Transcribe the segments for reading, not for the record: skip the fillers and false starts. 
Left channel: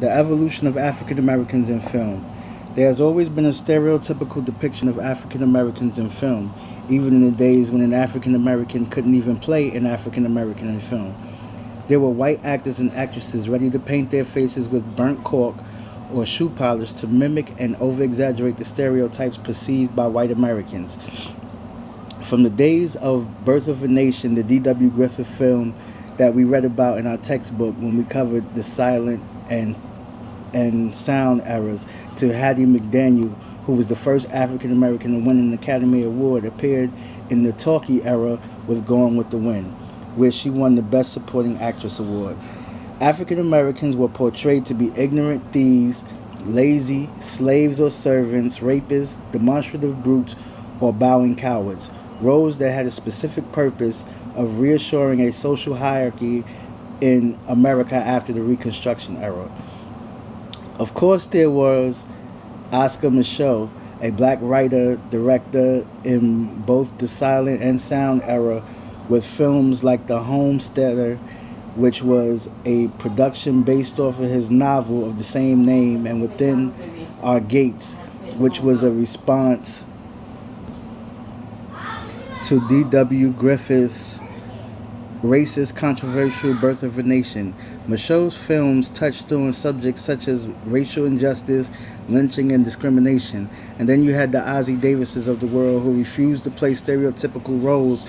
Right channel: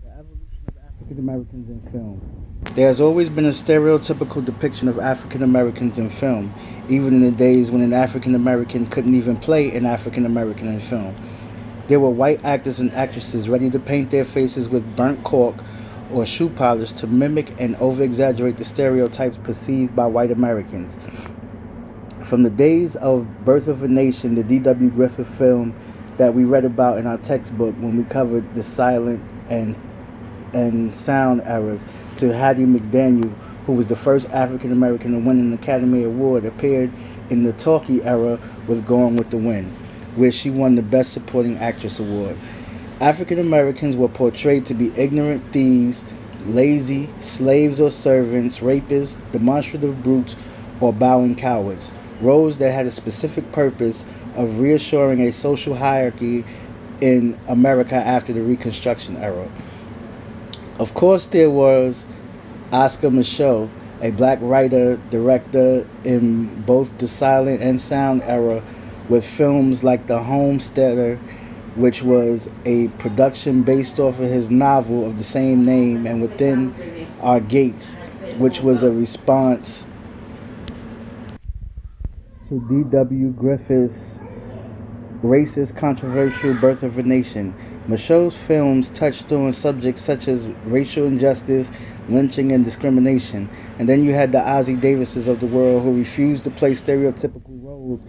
The evolution of African Americans in film. There has always been a stereotypical depiction of African Americans in film, even in the days when an African American couldn't even play an African American in film. There were white actors and actresses ready to paint their faces with burnt cork or shoe polish to mimic and over exaggerate the stereotypes perceived by white Americans. From the days of Birth of a Nation, the D.W. Griffith film that we read about in our textbook when we covered the silent and sound eras, to Hattie McDaniel, who was the first African American to win an Academy Award, appeared in the talkie era with Gone with the Wind, where she won the Best Supporting Actress award. African Americans were portrayed to be ignorant thieves, lazy, slaves or servants, rapists, demonstrative brutes, or bowing cowards, roles that had a specific purpose of reassuring a social hierarchy in America after the Reconstruction era. Of course, there was Oscar Micheaux, a black writer, director in both the silent and sound era, with films like The Homesteader, which was a production based off of his novel of the same name, and Within Our Gates, which was a response to D.W. Griffith's racist, controversial Birth of a Nation. Micheaux's films touched on subjects such as racial injustice, lynching, and discrimination. And then you had the Ossie Davises of the world who refused to play stereotypical roles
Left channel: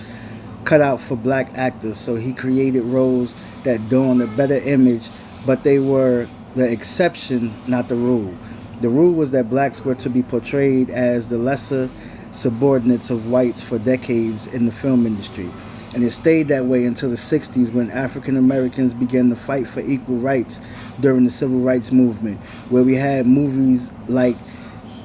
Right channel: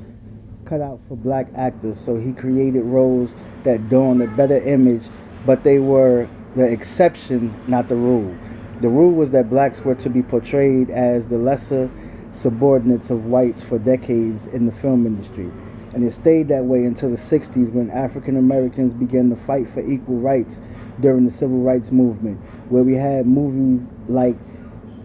cut out for black actors. So he created roles that donned a better image, but they were the exception, not the rule. The rule was that blacks were to be portrayed as the lesser subordinates of whites for decades in the film industry. And it stayed that way until the 60s, when African Americans began to fight for equal rights during the Civil Rights Movement, where we had movies like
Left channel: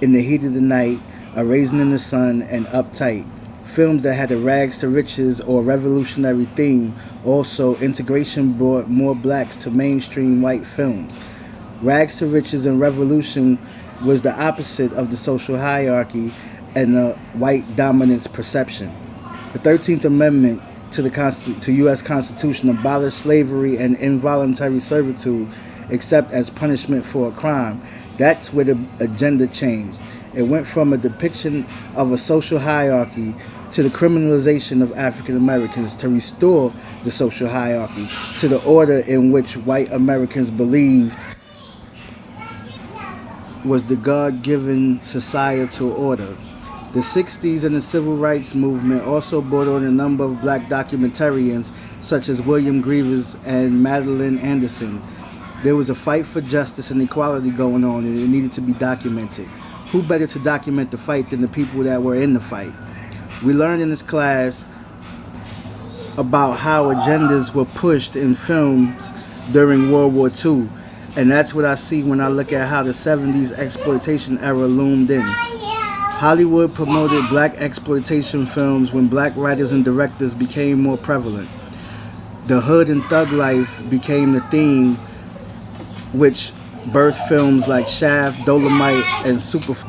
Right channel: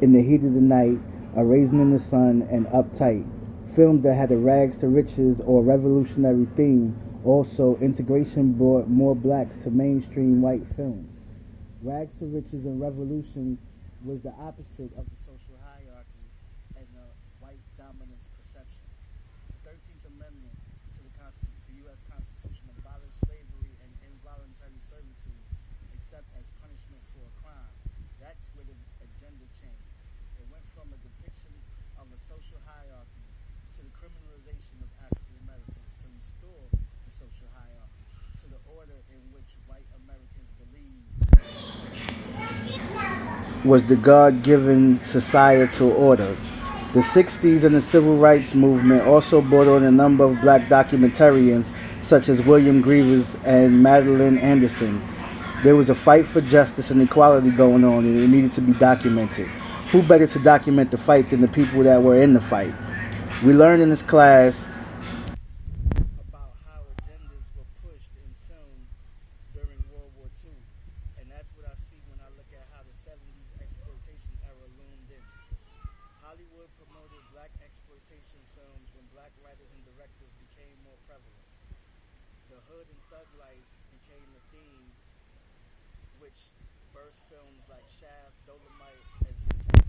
In the Heat of the Night, A Raisin in the Sun, and Uptight. Films that had a rags to riches or revolutionary theme. Also, integration brought more blacks to mainstream white films. Rags to riches and revolution was the opposite of the social hierarchy and the white dominance perception. The 13th Amendment to the U.S. Constitution abolished slavery and involuntary servitude, except as punishment for a crime. That's where the agenda changed. It went from a depiction of a social hierarchy to the criminalization of African Americans to restore the social hierarchy to the order in which white Americans believed was the God-given societal order. The 60s and the Civil Rights Movement also brought on a number of black documentarians such as William Grievous and Madeline Anderson. There was a fight for justice and equality going on, and it needed to be documented. Who better to document the fight than the people that were in the fight? We learned in this class about how agendas were pushed in films during World War II, and that's what I see when I look at how the 70s exploitation era loomed in. Hollywood promoted black exploitation films when black writers and directors became more prevalent. The hood and thug life became the theme, which birthed films like Shaft, Dolomite, and Superfly.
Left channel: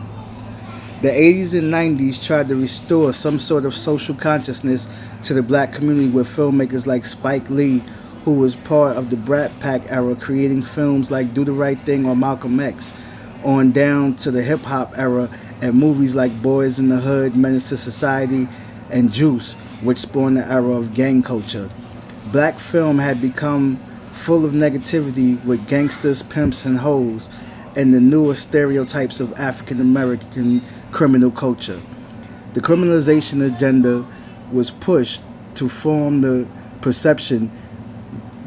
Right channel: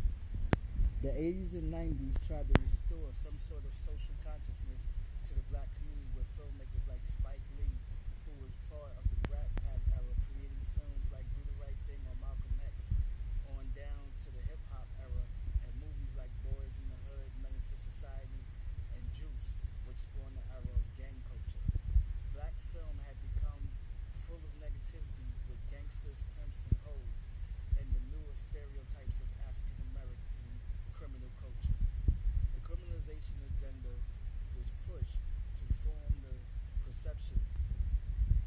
The 80s and 90s tried to restore some sort of social consciousness to the black community with filmmakers like Spike Lee, who was part of the Brat Pack era, creating films like Do the Right Thing or Malcolm X, on down to the hip-hop era and movies like Boys in the Hood, Menace to Society, and Juice, which spawned the era of gang culture. Black film had become full of negativity with gangsters, pimps, and hoes, and the newer stereotypes of African American criminal culture. The criminalization agenda was pushed to form the perception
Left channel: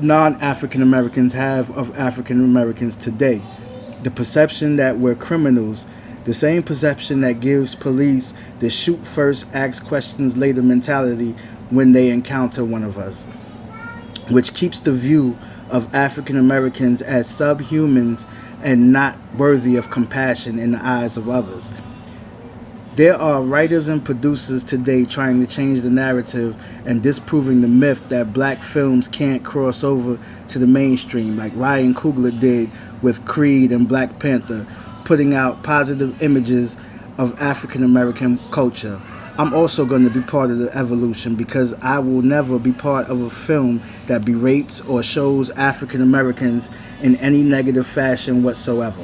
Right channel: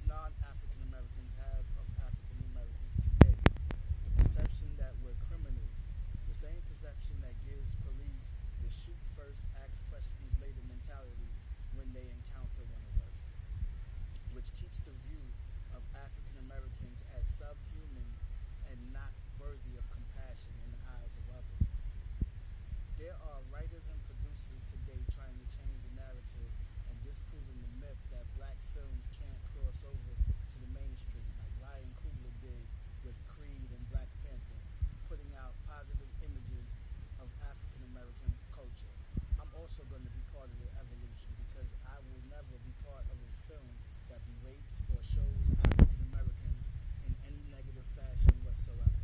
non-African Americans have of African Americans today. The perception that we're criminals, the same perception that gives police the shoot first, ask questions later mentality when they encounter one of us, which keeps the view of African Americans as subhumans and not worthy of compassion in the eyes of others. There are writers and producers today trying to change the narrative and disproving the myth that black films can't cross over to the mainstream, like Ryan Coogler did with Creed and Black Panther, putting out positive images of African American culture. I'm also going to be part of the evolution, because I will never be part of a film that berates or shows African Americans in any negative fashion whatsoever.